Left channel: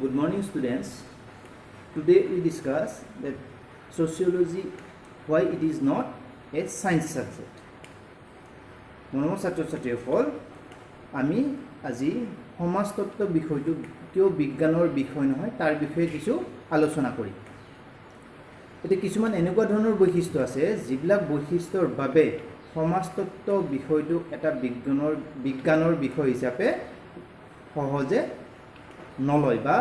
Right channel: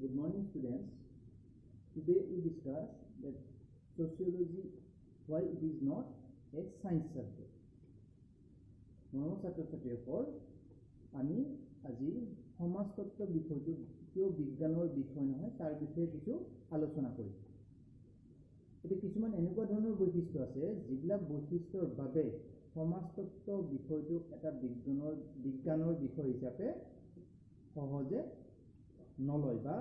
Good morning, students. Today we discuss that sociology, why it is not a science subject. মৰমৰ ছাত্ৰ ছাত্ৰীসকল, আমি আজি সমাজতত্ত্ব বিষয়টো কিয় বিজ্ঞানৰ বিষয় নহয় তাৰ বিষয়ে কিছু আলোচনা কৰিম। এতিয়া কিছুমান এনেকুৱা ধৰণৰ বৈশিষ্ট্য আছে যিবিলাক বৈশিষ্ট্যৰ বাবে সমাজতত্ত্ব বিষয়টো এটা বিজ্ঞানৰ বিষয় হিচাপে সহজে নলয় বা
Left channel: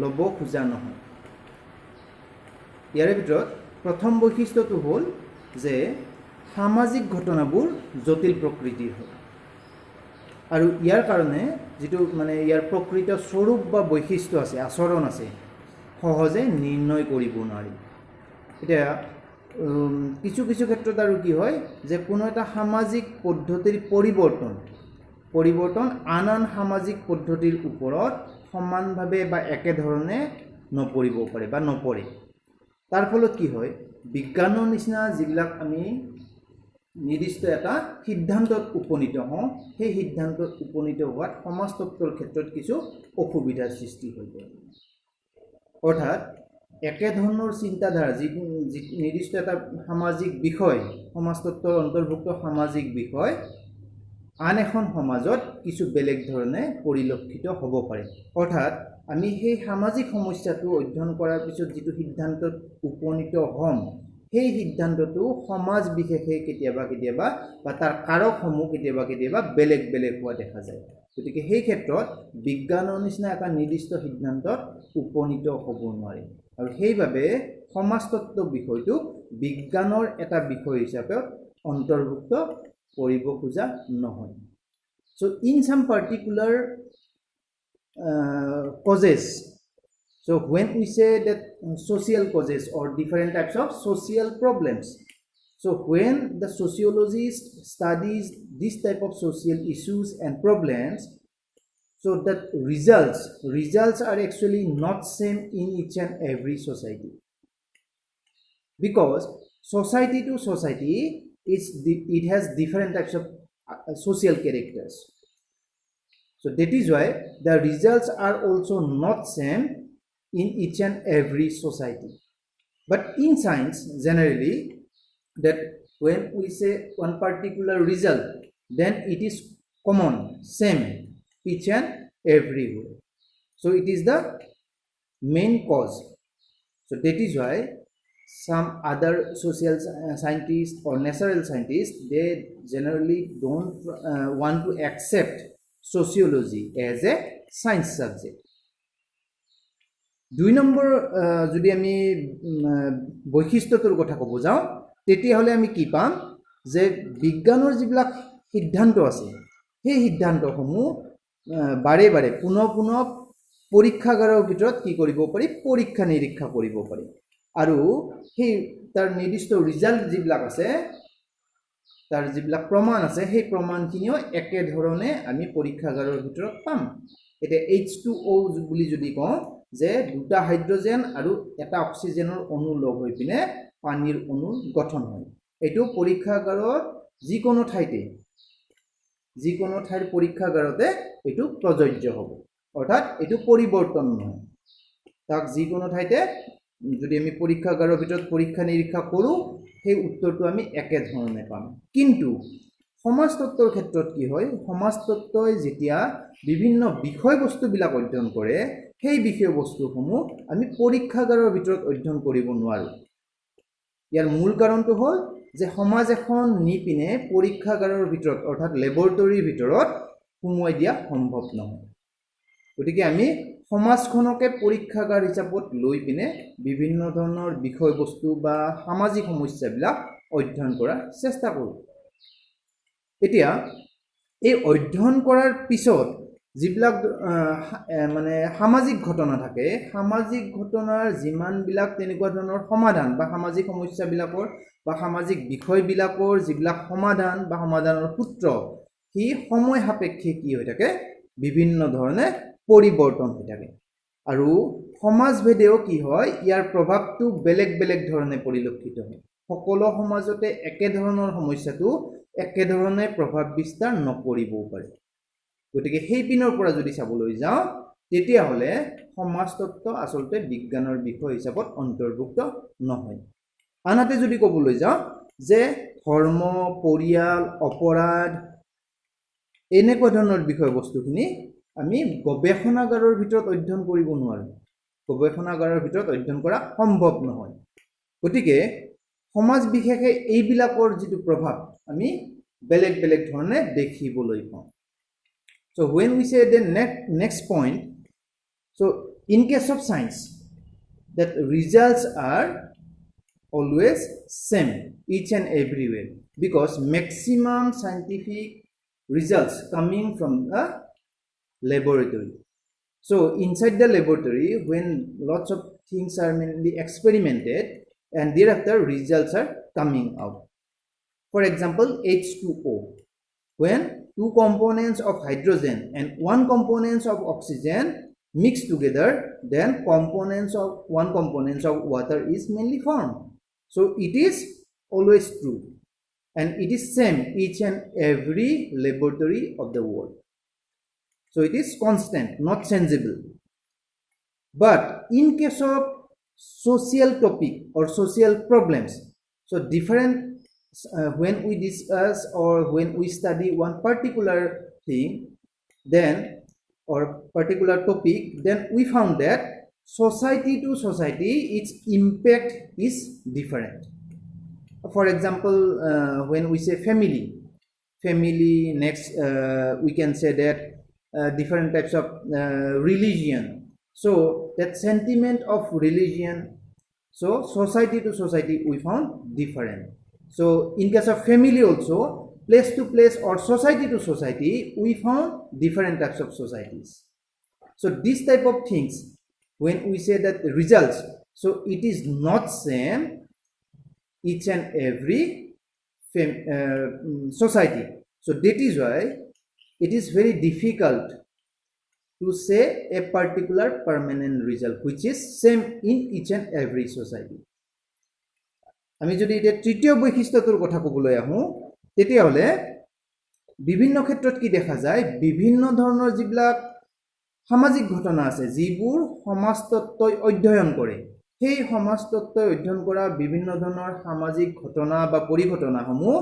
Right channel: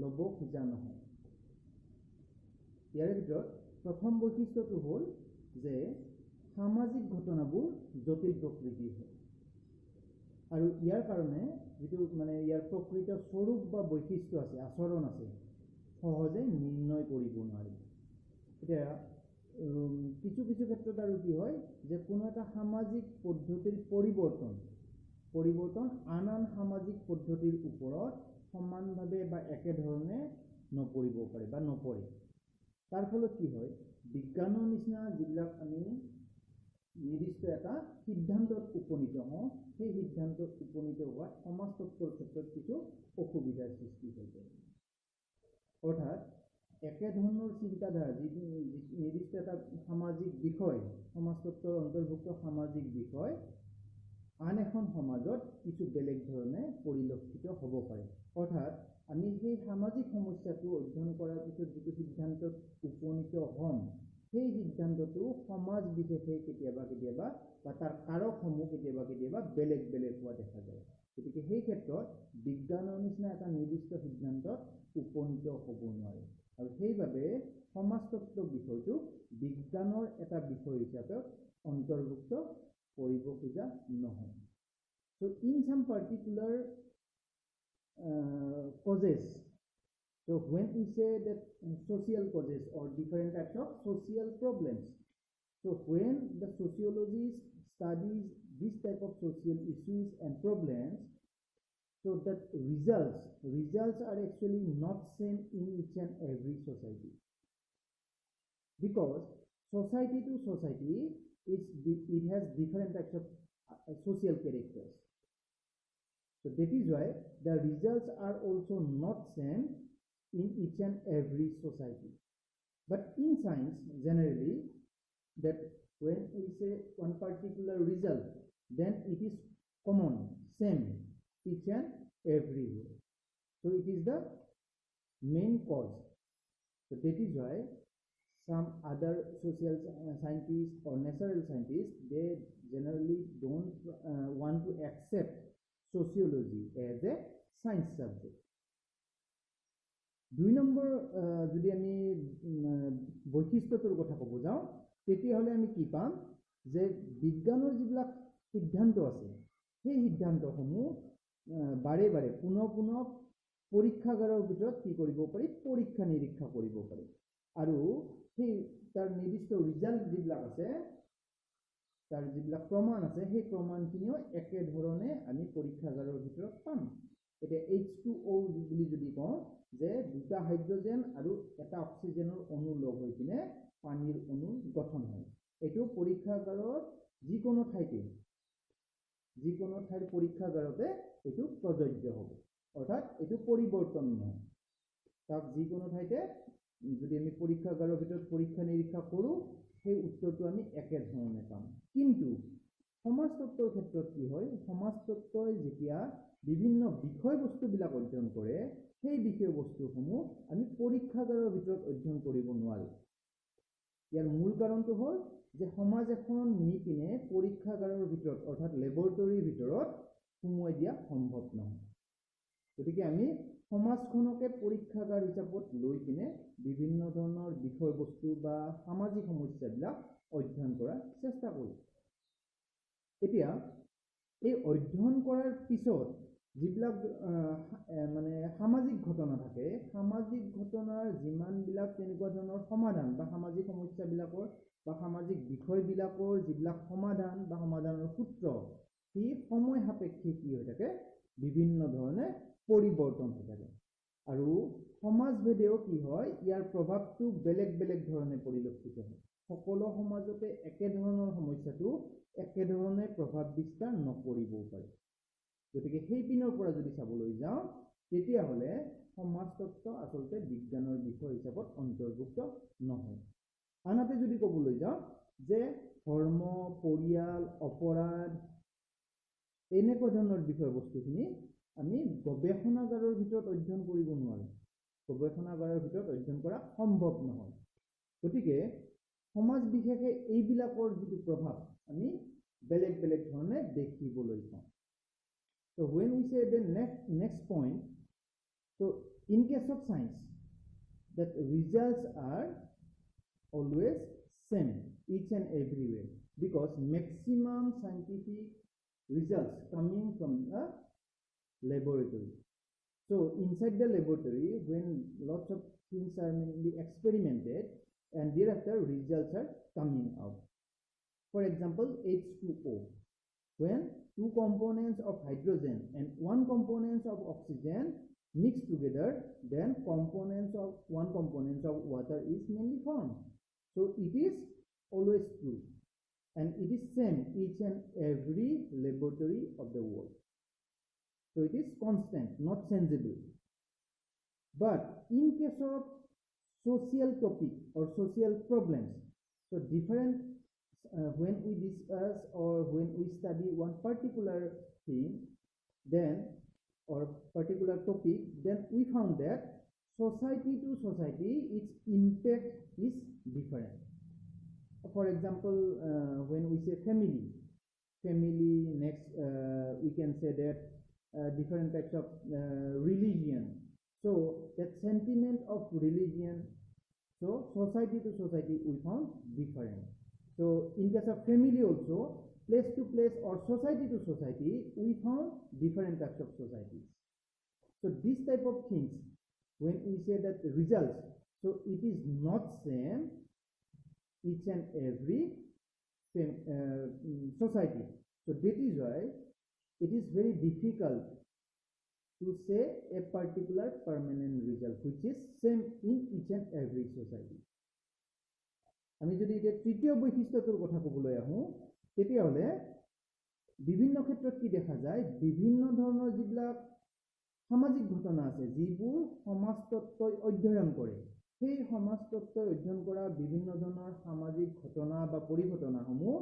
ল'ব খোজা নহয়। ইয়াৰ ভিতৰত প্ৰথম বৈশিষ্ট্যটো হ'ল যে সামাজিক ঘটনাবোৰ জটিল প্ৰকৃতিৰ হয় আৰু ইয়াৰ কাৰণে যিটো ইয়াৰ প্ৰকৃত স্বৰূপ বা বৈশিষ্ট্য আছে, আচৰণ আছে, সহজে নিৰ্ণয় কৰিব নোৱাৰি। এতিয়া কিছু ক্ষেত্ৰত আৰু কি হয় যে কোনো এটা সামাজিক পদ্ধতিৰ পৰিৱৰ্তন আন সামাজিক পদ্ধতিৰ ওপৰত সমানভাৱে বা একেধৰণে নপৰিব পাৰে বা নপৰে। তাৰ ফলত কি হয়, বিজ্ঞানৰ নিচিনা যিবিলাক আমি নিৰ্দিষ্ট এটা সিদ্ধান্তত উপনীত হওঁ, সেই সিদ্ধান্তত উপনীত হোৱাত সমাজতত্ত্বৰ ক্ষেত্ৰত কিছু অসুবিধাৰ সৃষ্টি হৈ পৰে। অৰ্থাৎ একেধৰণৰ চিন্তাধাৰা যি নিৰ্দিষ্ট এটা সামাজিক বিষয়, সমাজতত্ত্বৰ অন্তৰ্ভুক্ত সামাজিক বিষয় আন এখন সমাজত কিছু বেলেগ ধৰণে পৰিলক্ষিত হ'ব পাৰে। অৰ্থাৎ আমি সেই সামাজিক সমস্যাটো অধ্যয়ন কৰাৰ পিছত যিটো সিদ্ধান্তত উপনীত হ'ম, সেই সিদ্ধান্তটো সমাজ বিশেষে কেতিয়াবা বা তাৰ কাৰকসমূহ কেতিয়াবা বেলেগ হোৱা দেখা যায়। গতিকে সেই ক্ষেত্ৰত বিজ্ঞানৰ নিচিনা এটা নিৰ্দিষ্ট সিদ্ধান্তত উপনীত হ'ব নোৱাৰে আৰু সেইবাবে সমাজতত্ত্ব বিষয়টো বিজ্ঞানৰ এটা বিষয় হিচাপে অন্তৰ্ভুক্ত কৰিব খোজা নহয়। So in some particular causes, so when we say that social causes or different types of social problems, so when the sociologist studies this type of social issues and problems, so that results are actually not same in each and every society, because society to society it has different types of social characters. So that is why the results are also not same in each and every society. But in science, generally, that when we say one particular result, then it is common, same, each and everywhere. So it is the main cause. So that is why some other social scientists or natural scientists, they generally don't want to accept sociology as a science subject. 2 number যদি আমি বৈশিষ্ট্যটোৰ কথা ক'ব যাওঁ, তেতিয়াহ'লে আমি কি পাম যে বিজ্ঞানৰ যিবিলাক সিদ্ধান্ত আছে, সেই সিদ্ধান্তসমূহ বাৰে পুনঃ পৰীক্ষাগাৰৰ ভিতৰত কি কৰিব পাৰি, পৰীক্ষা নিৰীক্ষা কৰিব পাৰি আৰু সেই তাৰ নিৰ্দিষ্ট ৰিজাল্ট যিবিলাক আছে, তাৰ যিবিলাক প্ৰমাণ আছে, সেই প্ৰমাণখিনিও একেধৰণে আমি পৰীক্ষাগাৰৰ ভিতৰত পাম। এতিয়া H2O বুলি যদি কওঁ যে 2টা হাইড্ৰজেন আৰু এটা অক্সিজেনৰ অণু লগ হৈ পিনে পানীৰ অণু গঠন হয়, এইটো পৰীক্ষাগাৰত যিকোনো ঠাইৰ পৰীক্ষাগাৰতে এইটো প্ৰযোজ্য হ'ব। অৰ্থাৎ এইটো পৰিৱৰ্তন নহয়, তাক যিকোনো ঠাইতে যদি আমি পৰীক্ষাগাৰৰ ভিতৰত পৰীক্ষা নিৰীক্ষা কৰোঁ, সেই উত্তৰটো আমি একেধৰণে পাম। কিন্তু সমাজতত্ত্বৰ ক্ষেত্ৰত কি হয়, সমাজতত্ত্বই যেতিয়া বিভিন্ন বিষয়বস্তুবিলাক অধ্যয়ন কৰে, সেই বিষয়বস্তুসমূহ আমি পৰীক্ষাগাৰৰ ভিতৰত অধ্যয়ন কৰিব নোৱাৰোঁ। ইয়াৰ মূল কাৰণটো হ'ল যে সমাজ এখন নি পিনে পৰীক্ষাগাৰৰ ভিতৰত অৰ্থাৎ লেবৰেটৰীৰ ভিতৰত সোমোৱাই দিয়া সম্ভৱ নহয়। গতিকে আমি সমাজখনকে পৰীক্ষাগাৰ হিচাপত লৈ পিনে বিভিন্ন ধৰণৰ বিষয়বস্তু বা সামাজিক সমস্যাবিলাক অধ্যয়ন কৰাৰ চেষ্টা কৰোঁ। এতিয়া এই অধ্যয়ন কৰাৰ পিছত যিবিলাক সামাজিক ঘটনা থাকে, সামাজিক ঘটনাৰ যিমানবিলাক তেনেকুৱা ধৰণৰ সমাধান বা সামাজিক সমস্যাবিলাকৰ বা সামাজিক বিষয়বিলাকৰ যিবিলাক সমাধান বা সমাধানৰ সূত্ৰ, সি সময় সাপেক্ষে কি হৈ থাকে, বিভিন্ন ধৰণে পৰিৱৰ্তন হৈ থাকে আৰু সমাজভেদেও কি হয়, ইয়াৰ প্ৰভাৱটো বেলেগ ধৰণে পৰিলক্ষিত হয়। সকলো সমাজতে একেধৰণৰ সমস্যাটো একেধৰণে প্ৰভাৱ বিস্তাৰ নকৰিবও পাৰে। গতিকে সেই পিনৰ পৰা যদি চাবলৈ যাওঁ, তেতিয়াহ'লে সমাজতত্ত্ব আচলতে বিজ্ঞানৰ বিষয় হিচাপত অন্তৰ্ভুক্ত নহয়। আনহাতে যদি ক'বলৈ যাওঁ যে ধৰ্ম, পৰিয়াল, অপৰাধ এনেকুৱা ধৰণৰ বিষয়বস্তুখিনি আমি গৱেষণাগাৰৰ ভিতৰত অধ্যয়ন কৰিব নোৱাৰোঁ। গৱেষণাগাৰৰ ভিতৰত অধ্যয়ন কৰা সম্ভৱ নহয়। গতিকে সমাজ বিশেষে এইবিলাকৰ যিটো প্ৰভাৱ আমি বেলেগ বেলেগ ধৰণে দেখিবলৈ পাওঁ। So when we say the next point, so in case of science, that results are always same each and everywhere, because maximum scientific results coming from the laboratory. So inside the laboratory, when lots of things are mainly experimented, and thereafter results are coming out. For example, H2O, when two components of hydrogen and one component of oxygen mix together, then one component of water is mainly formed. So it is always true, and it is same each and every laboratory of the world. So it is constant, not changeable. But in case of social topic or social problems, so different when we discuss or when we study one particular thing, then or particular topic, then we found that society to society its impact is different. For example, when we say family, next we can say that different types of religion. So that sentiment of religion, so society to society we found different. So in case of family also, place to place or society to society, we found different types of societies. So this type of things, when we say that the results, so it is not same each and every society. So that is why it is very difficult to say a particular permanent result which is same in each and every society. আমি যদি এতিয়া তৃতীয় বৈশিষ্ট্যটোৰ কথা ক'বলৈ আহোঁ, তেতিয়াহ'লে বিভিন্ন ক্ষেত্ৰত কি দেখা যায়, বিভিন্ন ধৰণৰ যিবিলাক সামাজিক ঘটনা আছে, যিবোৰ সমাজতত্ত্বই অধ্যয়ন কৰে, সেই সমাজতত্ত্বই অধ্যয়ন কৰা বিভিন্ন ধৰণৰ সামাজিক ঘটনা বা পৰিঘটনাসমূহ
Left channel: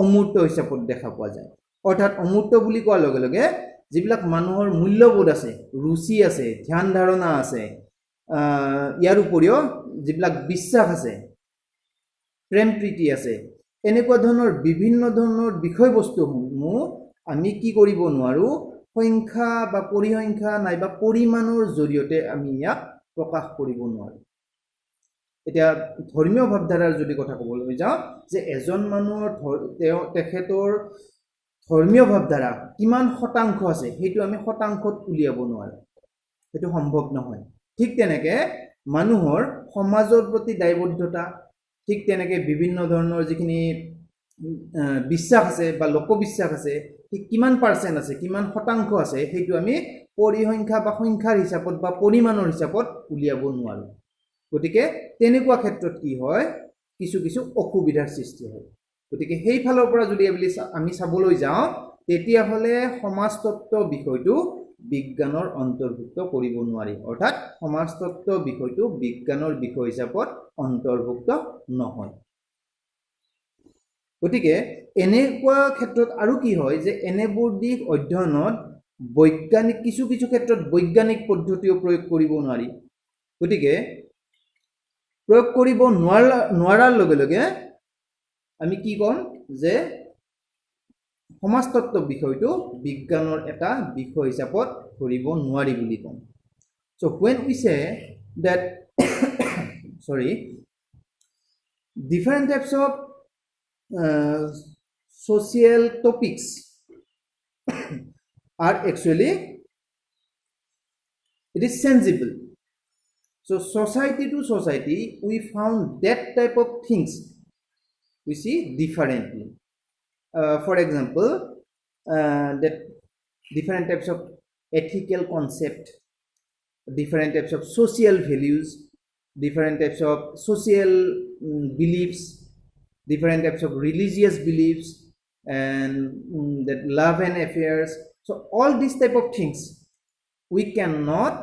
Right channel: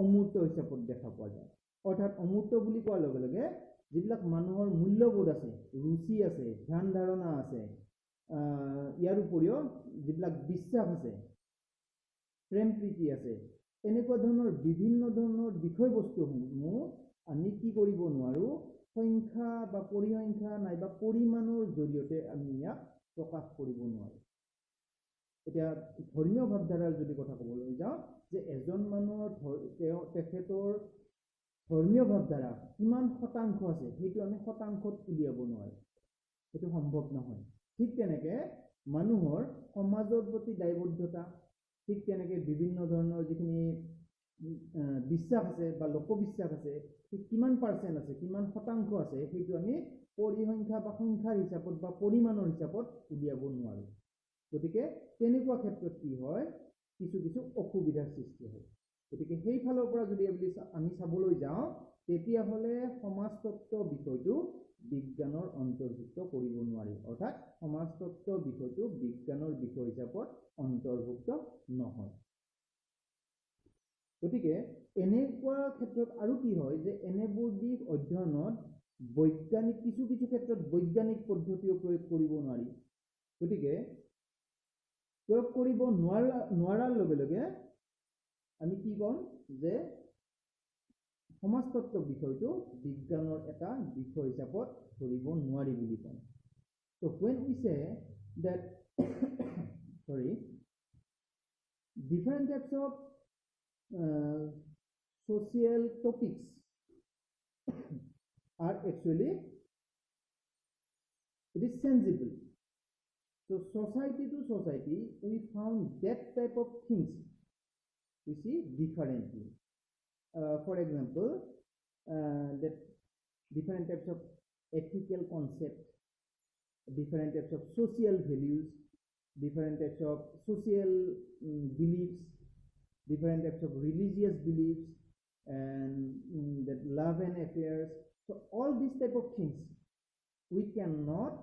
অমূৰ্ত হিচাপত দেখা পোৱা যায়। অৰ্থাৎ অমূৰ্ত বুলি কোৱাৰ লগে লগে যিবিলাক মানুহৰ মূল্যবোধ আছে, ৰুচি আছে, ধ্যান ধাৰণা আছে, ইয়াৰ উপৰিও যিবিলাক বিশ্বাস আছে, প্ৰেম প্ৰীতি আছে, এনেকুৱা ধৰণৰ বিভিন্ন ধৰণৰ বিষয়বস্তুসমূহ আমি কি কৰিব নোৱাৰোঁ, সংখ্যা বা পৰিসংখ্যা নাইবা পৰিমাণৰ জৰিয়তে আমি ইয়াক প্ৰকাশ কৰিব নোৱাৰোঁ। এতিয়া ধৰ্মীয় ভাৱধাৰাৰ যদি কথা ক'বলৈ যাওঁ, যে এজন মানুহৰ তেখেতৰ ধৰ্মীয় ভাৱধাৰা কিমান শতাংশ আছে, সেইটো আমি শতাংশত উলিয়াব নোৱাৰোঁ, সেইটো সম্ভৱ নহয়। ঠিক তেনেকৈ মানুহৰ সমাজৰ প্ৰতি দায়বদ্ধতা, ঠিক তেনেকৈ বিভিন্ন ধৰণৰ যিখিনি বিশ্বাস আছে বা লোকবিশ্বাস আছে, ঠিক কিমান পাৰ্চেণ্ট আছে, কিমান শতাংশ আছে, সেইটো আমি পৰিসংখ্যা বা সংখ্যাৰ হিচাপত বা পৰিমাণৰ হিচাপত উলিয়াব নোৱাৰোঁ। গতিকে তেনেকুৱা ক্ষেত্ৰত কি হয়, কিছু কিছু অসুবিধাৰ সৃষ্টি হয়। গতিকে সেইফালৰ পৰা যদি আমি চাবলৈ যাওঁ, তেতিয়াহ'লে সমাজতত্ত্ব বিষয়টো বিজ্ঞানৰ অন্তৰ্ভুক্ত কৰিব নোৱাৰি। অৰ্থাৎ সমাজতত্ত্ব বিষয়টো বিজ্ঞানৰ বিষয় হিচাপত অন্তৰ্ভুক্ত নহয়। গতিকে এনেকুৱা ক্ষেত্ৰত আৰু কি হয়, যে এনেবোৰ দিশ অধ্যয়নত কিছু কিছু ক্ষেত্ৰত বৈজ্ঞানিক পদ্ধতিও প্ৰয়োগ কৰিব নোৱাৰি। গতিকে প্ৰয়োগ কৰিব নোৱাৰাৰ লগে লগে আমি কি ক'ম, যে সমাজতত্ত্ব বিষয়টো বিজ্ঞানৰ এটা বিষয় হিচাপত ধৰিব নোৱাৰি বুলি ক'ম। So when we say that different types of social topics are actually, it is sensible. So society to society, we found that type of things we see differently. For example, that different types of ethical concept, different types of social values, different types of social beliefs, different types of religious beliefs, and that love and affairs. So all these type of things we cannot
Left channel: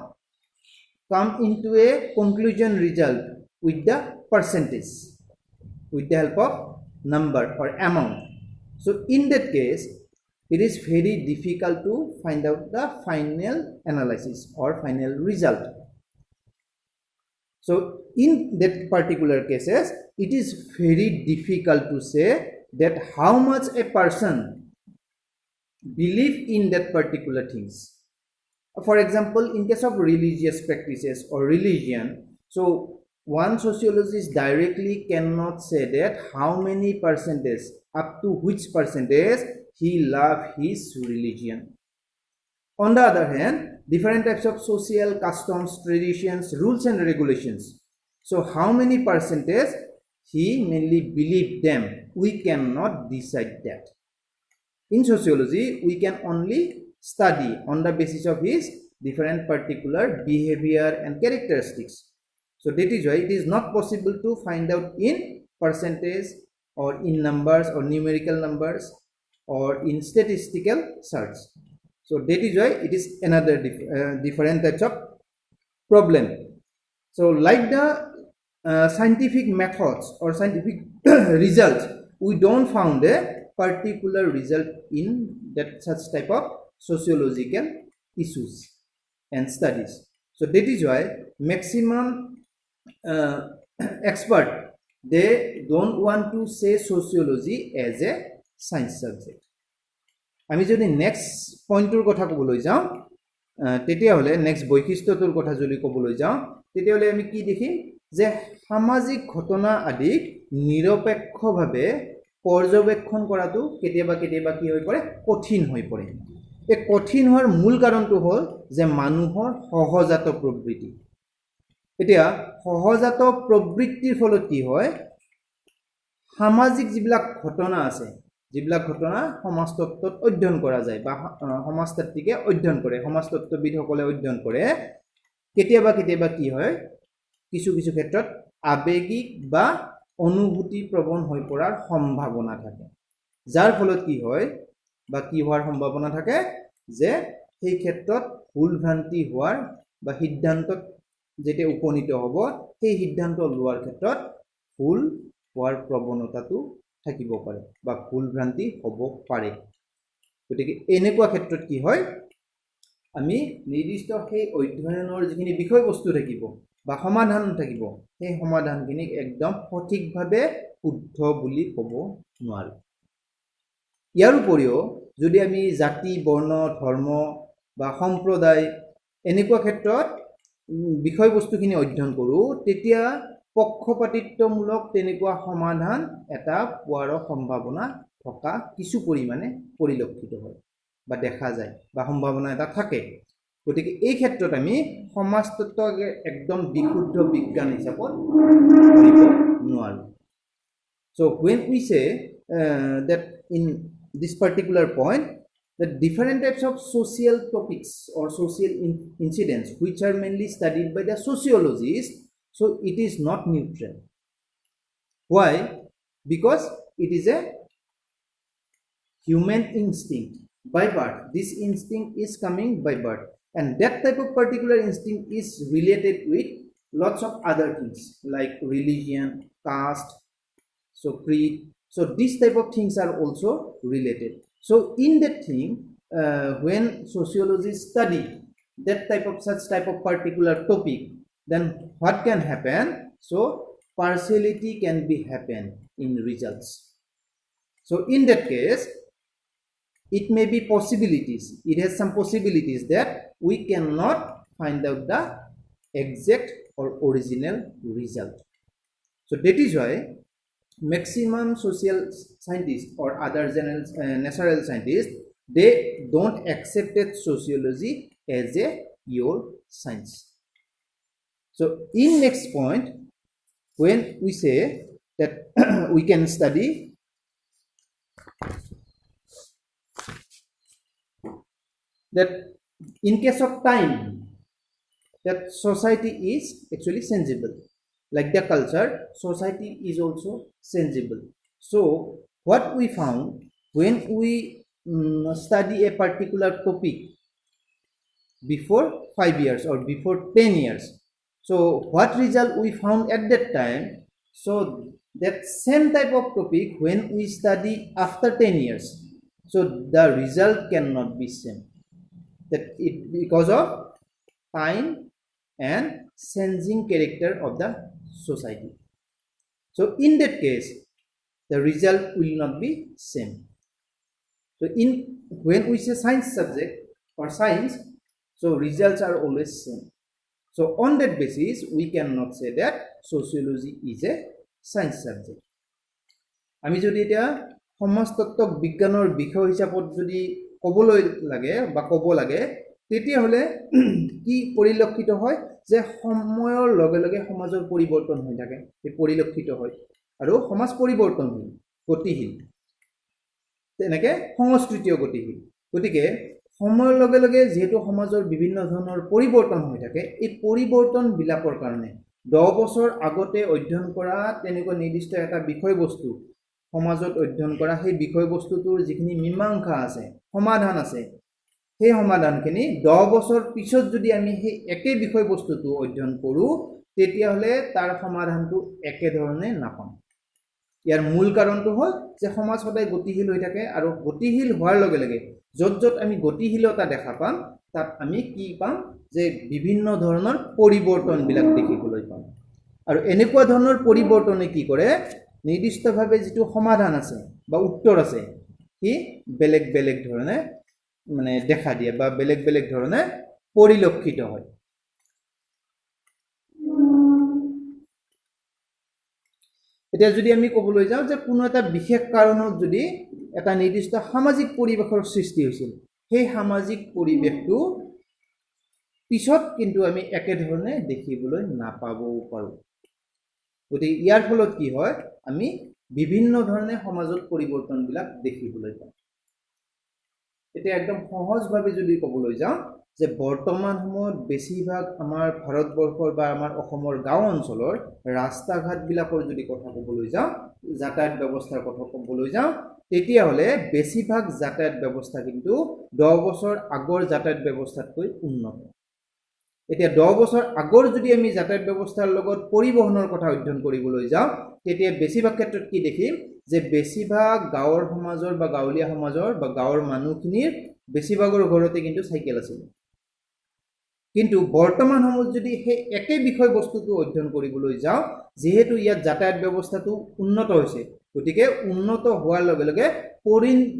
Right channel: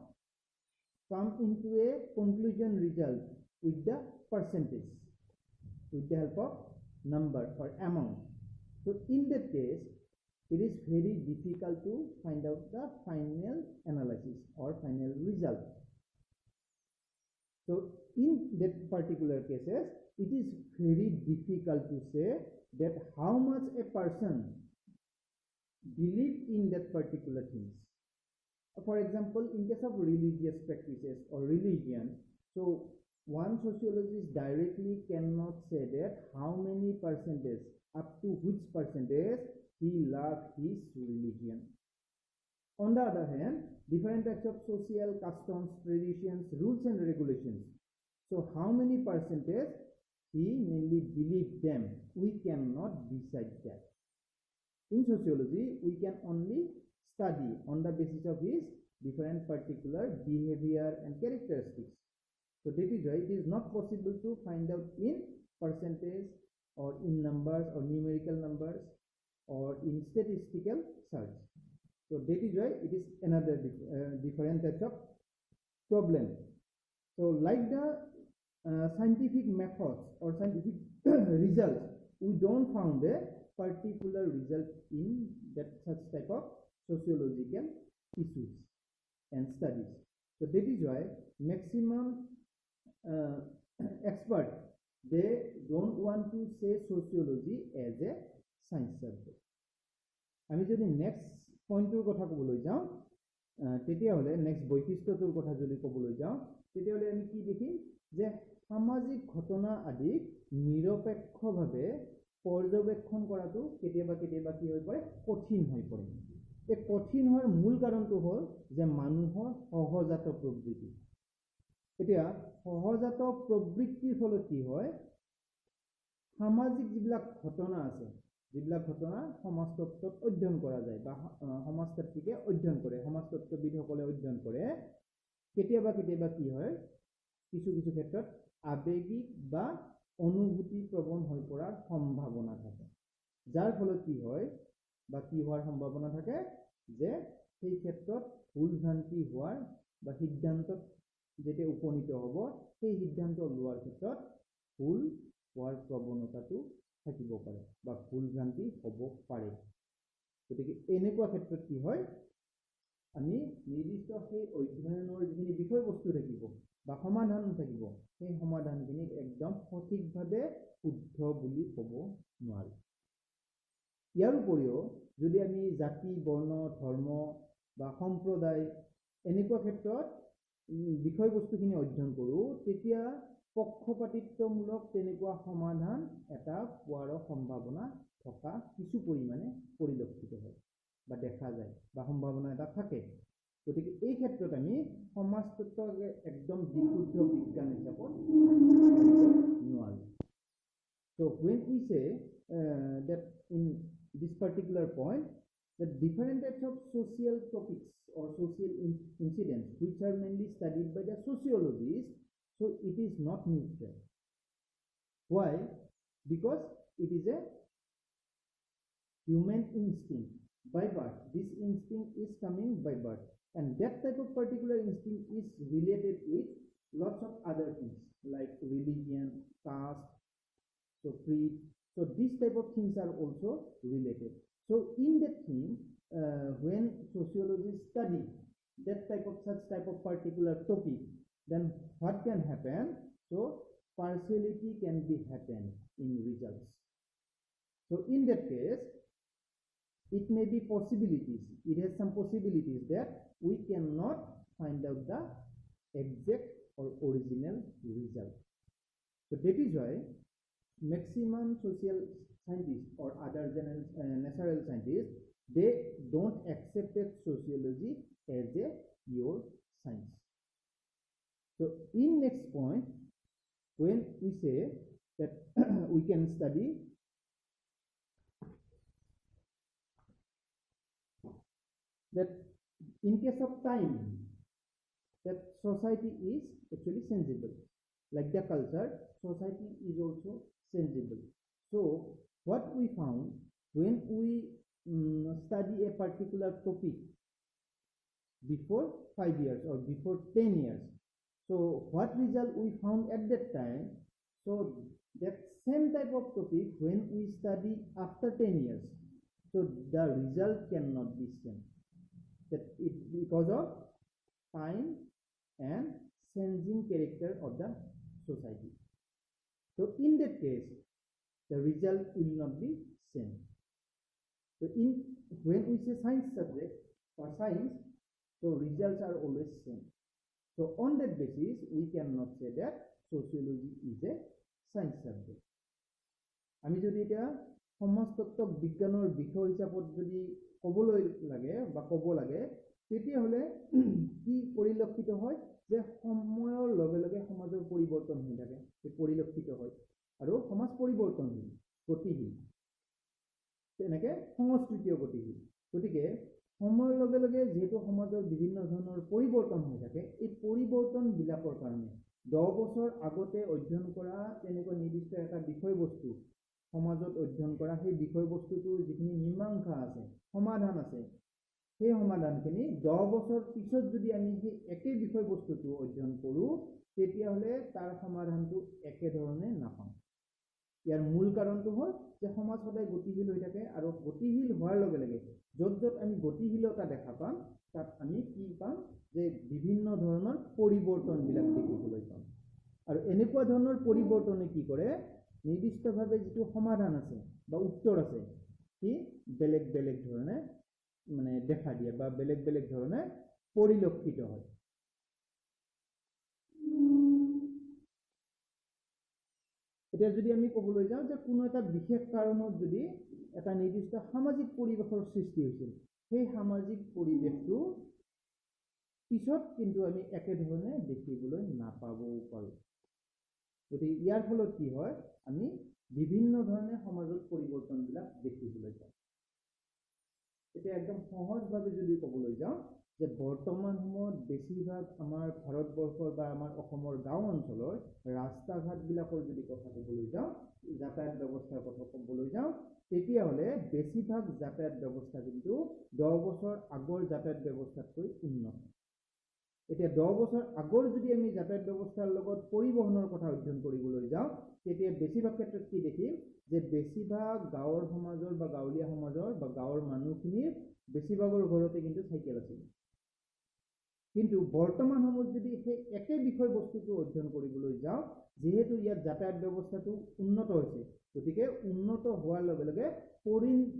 come into a conclusion result with the percentage, with the help of number or amount. So in that case, it is very difficult to find out the final analysis or final result. So in that particular cases, it is very difficult to say that how much a person believe in that particular things. For example, in case of religious practices or religion, so one sociologist directly cannot say that how many percentage, up to which percentage he love his religion. On the other hand, different types of social customs, traditions, rules and regulations. So how many percentage he mainly believe them, we cannot decide that. In sociology, we can only study on the basis of his different particular behavior and characteristics. So that is why it is not possible to find out in percentage or in numbers or numerical numbers or in statistical search. So that is why it is another different types of problem. So like the scientific methods or scientific results, we don't found a particular result in that such type of sociological issues and studies. So that is why maximum expert, they don't want to say sociology as a science subject. আমি যদি next পইণ্টটোৰ কথা ক'বলৈ যাওঁ, তেতিয়াহ'লে next বৈশিষ্ট্যটোৰ কথা যদি ক'বলৈ যাওঁ, তেতিয়াহ'লে আমি কি দেখিম যে সামাজিক ঘটনা আদিক নিৰপেক্ষভাৱে পৰ্যবেক্ষণ কৰাটো কেতিয়াবা কেতিয়াবা কি হৈ পৰে, কঠিন হৈ পৰে। এই কঠিন হোৱাৰ মূল কাৰণটো হ'ল যে মানুহৰ সহজাত প্ৰবৃত্তি। এতিয়া সহজাত প্ৰবৃত্তিৰ ফলত কি হয়, সামাজিক যিবিলাক ঘটনা আছে, যিবিলাক ঘটনা সমাজতত্ত্বত অধ্যয়ন কৰা যায় বা সমাজতাত্ত্বিকে অধ্যয়ন কৰে, সমাজতত্ত্ববিদসকলে অধ্যয়ন কৰে, কেতিয়াবা কেতিয়াবা কি হয়, কিছু কিছু ক্ষেত্ৰত আবেগিক বা অনুভূতি প্ৰবণ হৈ পৰাৰ সম্ভাৱনা থাকে, যাৰ ফলত কি হয় বা কি হোৱাৰ সম্ভাৱনা থাকে যে সেই ক্ষেত্ৰত ভুল ভ্ৰান্তি হোৱাৰ বা সিদ্ধান্তত যেতিয়া উপনীত হ'ব, সেই সিদ্ধান্ত লোৱাৰ ক্ষেত্ৰত ভুল হোৱাৰ প্ৰৱণতাটো থাকিব পাৰে বা ভুল ভ্ৰান্তি হ'ব পাৰে। গতিকে এনেকুৱা ক্ষেত্ৰত কি হয়, আমি নিৰ্দিষ্ট সেই অধ্যয়নৰ যিখিনি বিষয়বস্তু থাকিব বা সমাধান থাকিব, সেই সমাধানখিনিক একদম সঠিকভাৱে শুদ্ধ বুলি ক'ব নোৱাৰোঁ। ইয়াৰ উপৰিও যদি আমি জাতি, বৰ্ণ, ধৰ্ম বা সম্প্ৰদায় এনেকুৱা ক্ষেত্ৰত বিষয়বস্তুখিনি অধ্যয়ন কৰোঁ, তেতিয়া পক্ষপাতিত্বমূলক তেনেকুৱা সমাধান এটা পোৱাৰ সম্ভাৱনা থকা কিছু পৰিমাণে পৰিলক্ষিত হয় বা দেখা যায় বা সম্ভাৱনা এটা থাকে। গতিকে এই ক্ষেত্ৰত আমি সমাজতত্ত্বক একদম বিশুদ্ধ বিজ্ঞান হিচাপত ধৰিব নোৱাৰোঁ। So when we say that in this particular point, that different types of social topics or social incidents which are mainly studied by the sociologists, so it is not neutral. Why? Because it is a human instinct by birth. This instinct is coming by birth, and that type of particular instinct is related with lots of other things like religion, caste, so creed. So these type of things are also related. So in that thing, when sociologists study that such type of particular topic, then what can happen? So partiality can be happen in results. So in that case, it may be possibilities. It has some possibilities that we cannot find out the exact or original result. So that is why maximum social scientists or other natural scientists, they don't accept sociology as a pure science. So in next point, when we say that we can study that in case of time, that society is actually sensible. Like the culture, society is also sensible. So what we found when we study a particular topic before 5 years or before 10 years. So what result we found at that time? So that same type of topic when we study after 10 years, so the result cannot be same, that it because of time and changing character of the society. So in that case the result will not be same. So in when we say science subject or science, so results are always same. So on that basis we cannot say that sociology is a science subject. আমি যদি এতিয়া সমাজতত্ত্বক বিজ্ঞানৰ বিষয় হিচাপত যদি ক'বলৈ লাগে বা ক'ব লাগে, তেতিয়াহ'লে কি পৰিলক্ষিত হয় যে সময়ৰ লগে লগে সমাজৰ পৰিৱৰ্তন হৈ থাকে, এই পৰিলক্ষিত হয় আৰু সমাজ পৰিৱৰ্তনশীল, গতিশীল, তেনেকৈ সংস্কৃতিও গতিশীল। গতিকে সময়ৰ লগে লগে যিহেতু সমাজৰ বিভিন্ন ধৰণৰ পৰিৱৰ্তন হৈ থাকে, এই পৰিৱৰ্তনবিলাকৰ কাৰণে 10 বছৰ আগতে অধ্যয়ন কৰা তেনেকুৱা নিৰ্দিষ্ট এটা বিষয়বস্তু সমাজত অধ্যয়ন কৰা সেই বিষয়বস্তুটোৰ যিখিনি মীমাংসা আছে, সমাধান আছে, সেই সমাধানখিনি 10 বছৰ পিছত যদি আমি সেই একে বিষয়বস্তুটো অধ্যয়ন কৰোঁ, তেতিয়াহ'লে তাৰ সমাধানটো একেধৰণে নাপাম। ইয়াৰ মূল কাৰণটো হ'ল যে সমাজ সদায় গতিশীল হৈ থাকে আৰু গতিশীল হোৱাৰ লগে লগে য'ত য'ত আমি গতিশীলতা দেখা পাম তাত আমি কি পাম যে বিভিন্ন ধৰণৰ পৰিৱৰ্তনবিলাক দেখিবলৈ পাম। আৰু এনেকুৱা ধৰণৰ পৰিৱৰ্তনে কি কৰে, নিৰ্দিষ্টভাৱে যিটো সমাধান আছে বা উত্তৰ আছে সি বেলেগ বেলেগ ধৰণে মানে দেখা দিয়ে বা বেলেগ বেলেগ ধৰণে পৰিলক্ষিত হয়। এতিয়া যদি আমি ক'বলৈ যাওঁ যে কোনো এটা বিশেষ কাৰণত যদি এটা নিৰ্দিষ্ট সামাজিক পৰিৱেশৰ সৃষ্টি হৈছিল, সেই সামাজিক পৰিৱেশটো পিছত কিন্তু আমি একেধৰণে দেখিবলৈ নাপাবও পাৰোঁ। গতিকে ইয়াৰ ফলত কি হয়, আমি বিভিন্ন ধৰণে সমাজত পৰিৱৰ্তনবিলাক দেখিবলৈ পাওঁ। এতিয়া একদম সহজভাৱে যদি ক'বলৈ যাওঁ যে বৰ্তমান সময়ত বেছিভাগ আমাৰ ভাৰতবৰ্ষৰ বা আমাৰ অসমৰ গাঁও অঞ্চলৰ ৰাস্তা ঘাটবিলাকৰ যদি কথা ক'বলৈ যাওঁ, যাতায়াত ব্যৱস্থাৰ কথা ক'বলৈ যাওঁ, তেতিয়াহ'লে বেছিভাগ যাতায়াত ব্যৱস্থা কিন্তু 10 বছৰ আগৰ যাতায়াত ব্যৱস্থাতকৈ উন্নত। এতিয়া 10 বছৰ আগৰ যদি আমি যাতায়াত ব্যৱস্থাৰ লগত পৰিবহনৰ কথা অধ্যয়ন কৰিবলৈ যাওঁ, তেতিয়া বেছিভাগ ক্ষেত্ৰত কি দেখিম যে বেছিভাগ গাঁৱৰ সমাজৰ বা গাঁৱলীয়া সমাজৰ বা গাঁৱৰ মানুহখিনিৰ বেছিভাগৰ ঘৰতে কিন্তু চাইকেল আছিল। কিন্তু বৰ্তমান সময়ত যদি সেই একে বিষয়বস্তুটো অধ্যয়ন কৰিবলৈ যাওঁ, যিহেতু ইয়াত যাতায়াত ব্যৱস্থাটো উন্নত হৈছে, গতিকে উন্নত হোৱাৰ লগে লগে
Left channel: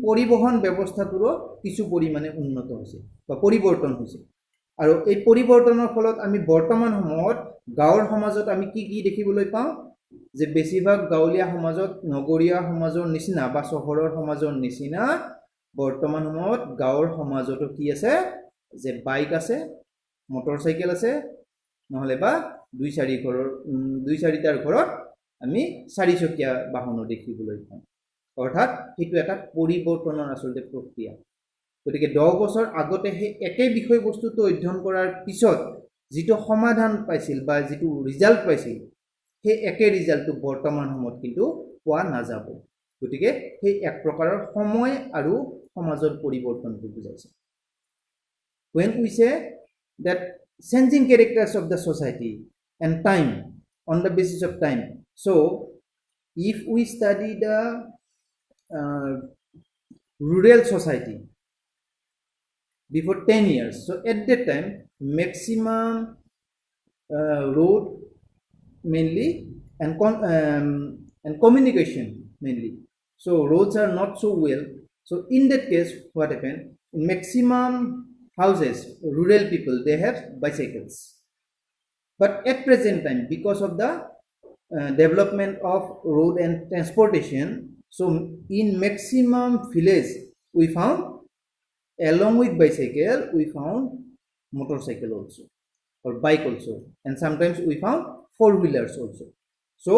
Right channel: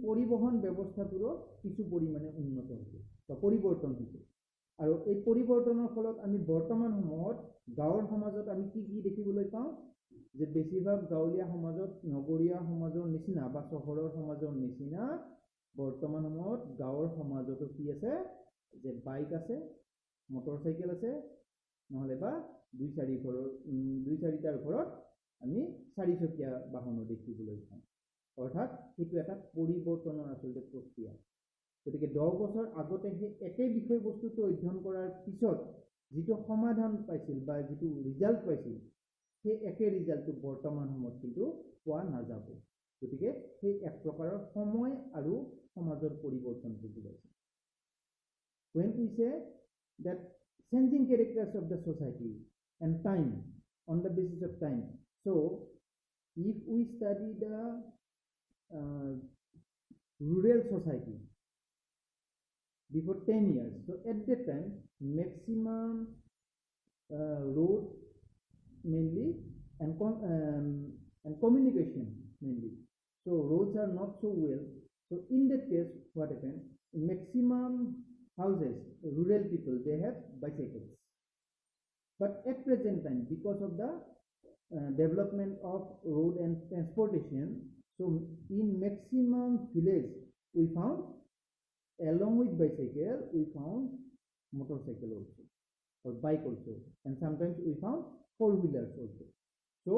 পৰিবহন ব্যৱস্থাটোৰো কিছু পৰিমাণে উন্নত হৈছে বা পৰিৱৰ্তন হৈছে। আৰু এই পৰিৱৰ্তনৰ ফলত আমি বৰ্তমান সময়ত গাঁৱৰ সমাজত আমি কি কি দেখিবলৈ পাওঁ যে বেছিভাগ গাঁৱলীয়া সমাজত নগৰীয়া সমাজৰ নিচিনা বা চহৰৰ সমাজৰ নিচিনা বৰ্তমান সময়ত গাঁৱৰ সমাজতো কি আছে যে বাইক আছে, মটৰচাইকেল আছে, নহ'লে বা 2-4টাৰ ঘৰত আমি 4চকীয়া বাহনো দেখিবলৈ পাওঁ। অৰ্থাৎ সেইটো এটা পৰিৱৰ্তনৰ আচলতে প্ৰক্ৰিয়া। গতিকে 10 বছৰ আগতে সেই একে বিষয়বস্তুটো অধ্যয়ন কৰাৰ পিছত যিটো সমাধান পাইছিল বা যিটো ৰিজাল্ট পাইছিল, সেই একে ৰিজাল্টটো বৰ্তমান সময়ত কিন্তু পোৱা নাযাব। গতিকে সেই এক প্ৰকাৰৰ সময় আৰু সমাজৰ পৰিৱৰ্তনটো বুজাইছে। When we say that changing characters of the society and time on the basis of time, so if we study the rural society before 10 years, so at that time maximum road mainly and communication mainly, so roads are not so well. So in that case what happened, in maximum houses rural people they have bicycles. But at present time because of the development of road and transportation, so in maximum village we found along with bicycle we found motorcycle also or bike also, and sometimes we found 4-wheelers also. So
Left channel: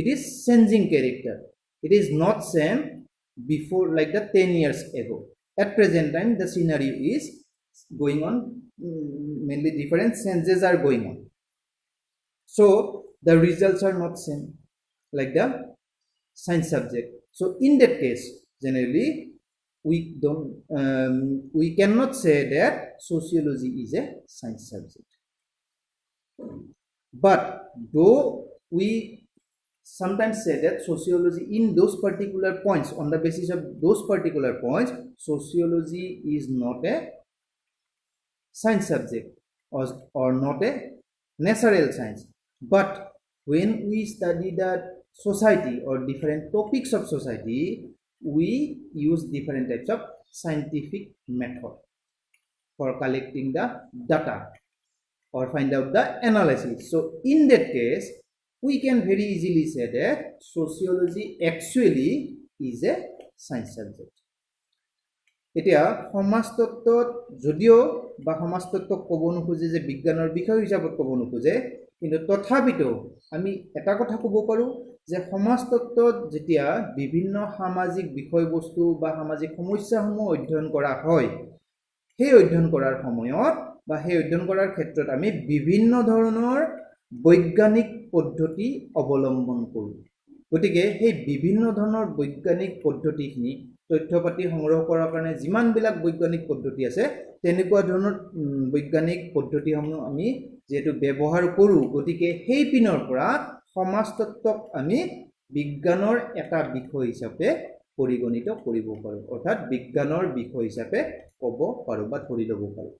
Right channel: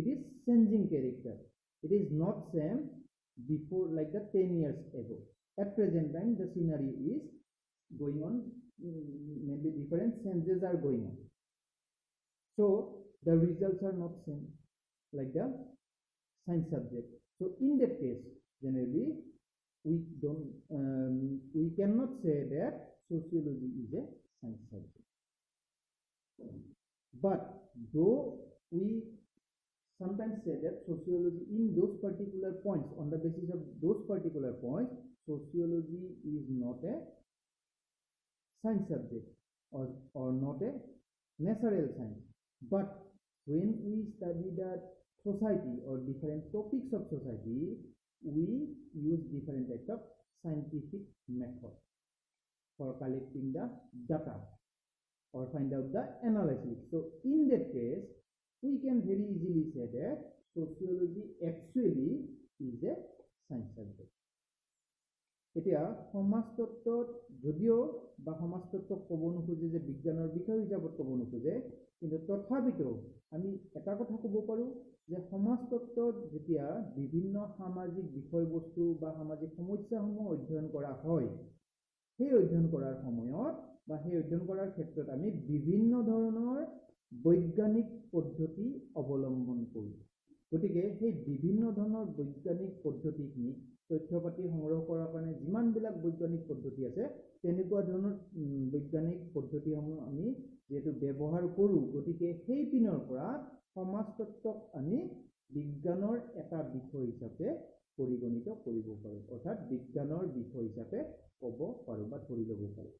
it is changing character. It is not same before like the 10 years ago. At present time the scenario is going on, mainly different changes are going on. So the results are not same like the science subject. So in that case generally we cannot say that sociology is a science subject. But though we sometimes say that sociology in those particular points, on the basis of those particular points, sociology is not a science subject or not a natural science. But when we study the society or different topics of society, we use different types of scientific method for collecting the data or find out the analysis. So in that case, we can very easily say that sociology actually is a science subject. এতিয়া সমাজতত্ত্বত যদিও বা সমাজতত্ত্বক ক'ব নোখোজে যে বিজ্ঞানৰ বিষয় হিচাপত ক'ব নোখোজে, কিন্তু তথাপিতো আমি এটা কথা ক'ব পাৰোঁ যে সমাজতত্ত্বত যেতিয়া বিভিন্ন সামাজিক বিষয়বস্তু বা সামাজিক সমস্যাসমূহ অধ্যয়ন কৰা হয়, সেই অধ্যয়ন কৰাৰ সময়ত বা সেই অধ্যয়ন কৰাৰ ক্ষেত্ৰত আমি বিভিন্ন ধৰণৰ বৈজ্ঞানিক পদ্ধতি অৱলম্বন কৰোঁ। গতিকে সেই বিভিন্ন ধৰণৰ বৈজ্ঞানিক পদ্ধতিখিনি তথ্য পাতি সংগ্ৰহ কৰাৰ কাৰণে যিমানবিলাক বৈজ্ঞানিক পদ্ধতি আছে, তেনেকুৱা ধৰণৰ বৈজ্ঞানিক পদ্ধতিসমূহ আমি যেহেতু ব্যৱহাৰ কৰোঁ, গতিকে সেই পিনৰ পৰা সমাজতত্ত্বক আমি বিজ্ঞানৰ এটা বিষয় হিচাপে পৰিগণিত কৰিব পাৰোঁ, অৰ্থাৎ বিজ্ঞানৰ বিষয় হিচাপে ক'ব পাৰোঁ বা ধৰি ল'ব পাৰোঁ।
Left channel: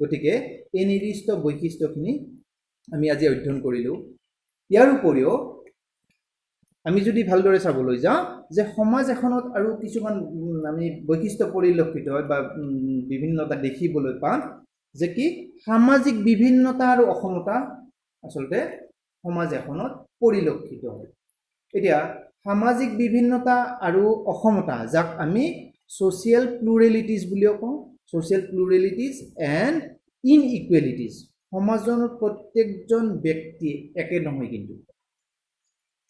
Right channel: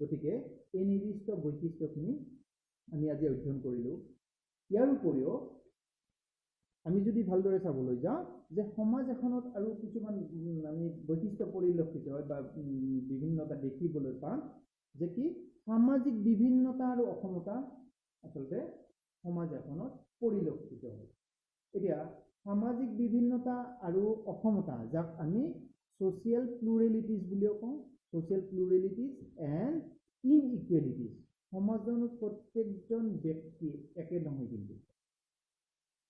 গতিকে এই নিৰ্দিষ্ট বৈশিষ্ট্যখিনি আমি আজি অধ্যয়ন কৰিলোঁ। ইয়াৰ উপৰিও আমি যদি ভালদৰে চাবলৈ যাওঁ যে সমাজ এখনত আৰু কিছুমান আমি বৈশিষ্ট্য পৰিলক্ষিত হয় বা বিভিন্নতা দেখিবলৈ পাওঁ, যে কি সামাজিক বিভিন্নতা আৰু অসমতা আচলতে সমাজ এখনত পৰিলক্ষিত হয়। এতিয়া সামাজিক বিভিন্নতা আৰু অসমতা, যাক আমি ছ'চিয়েল প্লুৰেলিটিজ বুলিও কওঁ, ছ'চিয়েল প্লুৰেলিটিজ এণ্ড ইনইকুৱেলিটিজ। সমাজৰ প্ৰত্যেকজন ব্যক্তি একে নহয়, কিন্তু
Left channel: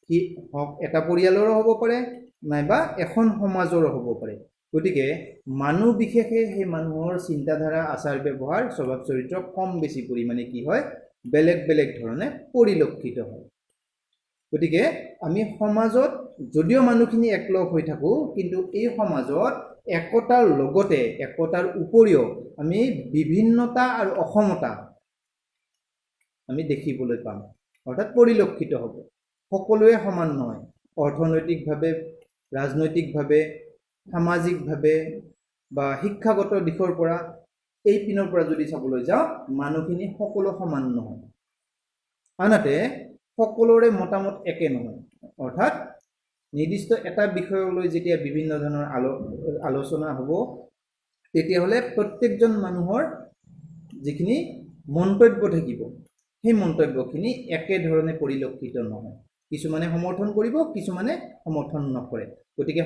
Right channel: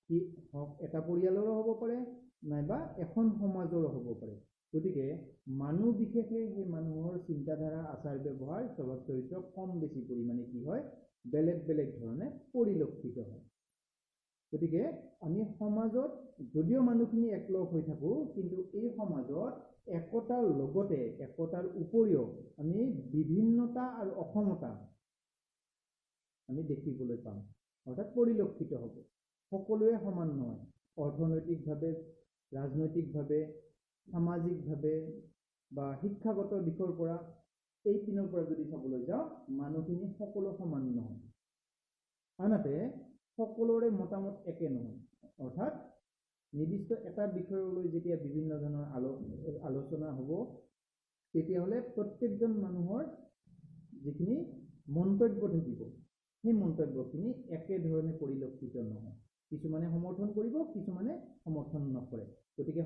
সি এটা পৰিয়ালৰো হ'ব পাৰে নাইবা এখন সমাজৰো হ'ব পাৰে। গতিকে মানুহ বিশেষে সেই মানুহৰ চিন্তাধাৰা, আচাৰ ব্যৱহাৰ, স্বভাৱ চৰিত্ৰ কম বেছি পৰিমাণে কি হয়, বেলেগ বেলেগ ধৰণে পৰিলক্ষিত হয়। গতিকে আমি সমাজত যদিও মানুহখিনি একলগ হৈ থাকোঁ, কিন্তু এই সমাজত একতাৰ লগতে একতাৰ উপৰিও আমি বিভিন্নতা আৰু অসমতা আমি দেখিবলৈ পাম, অৰ্থাৎ পৰিলক্ষিত হ'ব। সকলোৱে সমান নহয়, অৰ্থনৈতিকভাৱে, ৰাজনৈতিকভাৱে, সামাজিকভাৱে বা শিক্ষাগত দিশৰ পৰা, এই পিনৰ পৰা যদি চাবলৈ যাওঁ, মানুহখিনি সকলো সমান নহয়। আনহাতে সকলোৰে মতামত একে নহয়, অৰ্থাৎ নিৰ্দিষ্ট এটা বিষয়লৈ যেতিয়া বিভিন্ন ধৰণৰ আলোচনা হ'ব, তেতিয়াহ'লে প্ৰত্যেকজন মানুহৰ যিখিনি মন্তব্য থাকিব, সেই মন্তব্যখিনি একেধৰণে পৰিলক্ষিত নহয়। কিছুমানে সমৰ্থন কৰিব, কিছুমানে সমৰ্থন নকৰে। গতিকে